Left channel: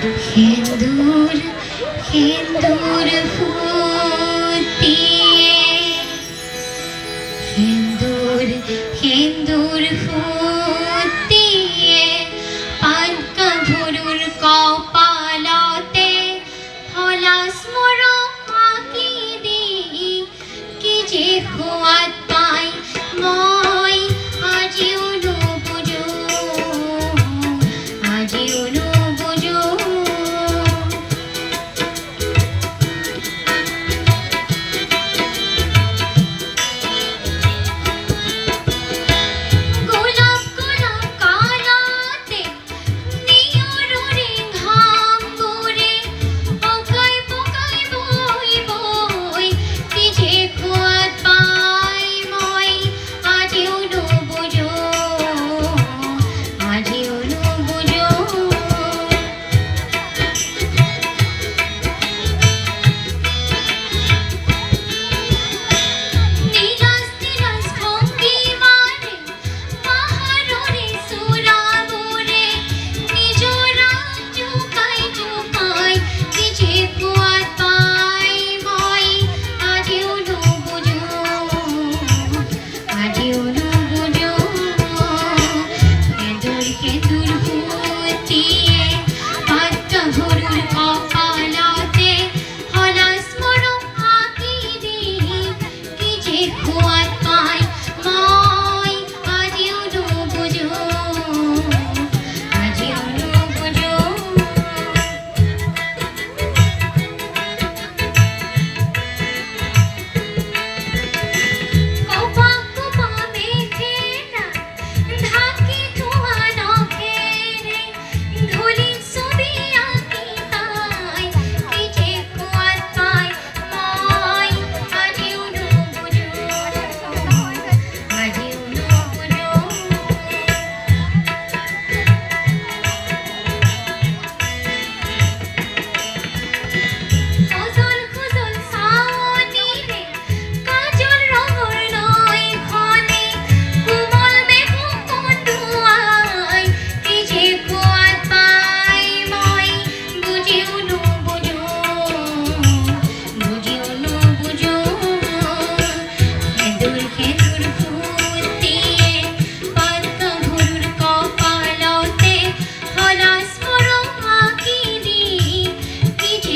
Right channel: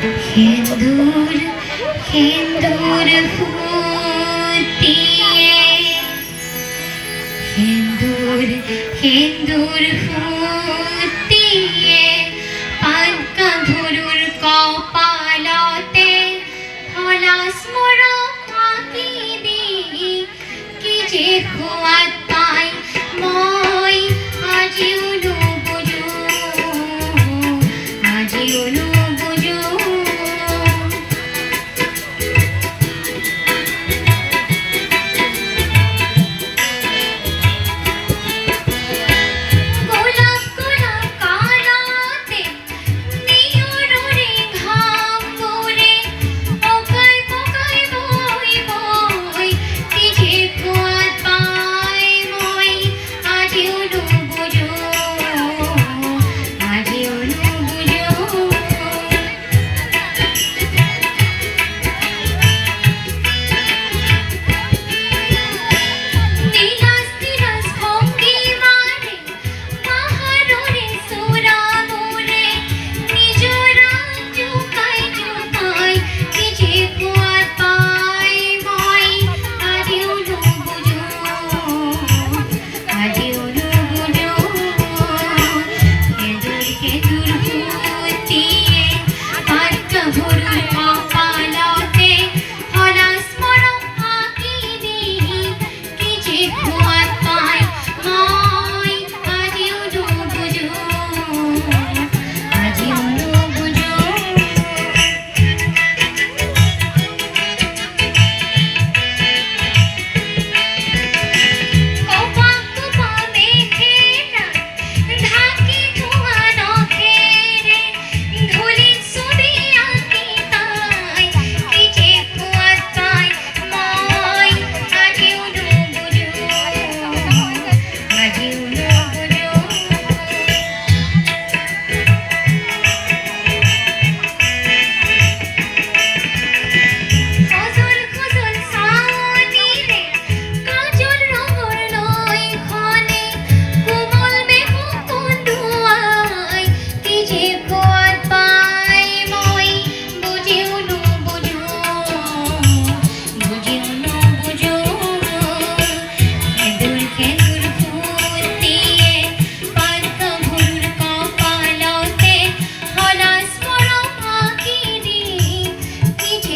সিঁদুর সিঁদুর ফুটিয়ে সিঁদুর সিঁদুর ফুটিয়ে পান কাঁধুর কপালতে হলাস মোর ফাঁকি দি কি যে খোয়াত মই আজিও অনু আজিও আজি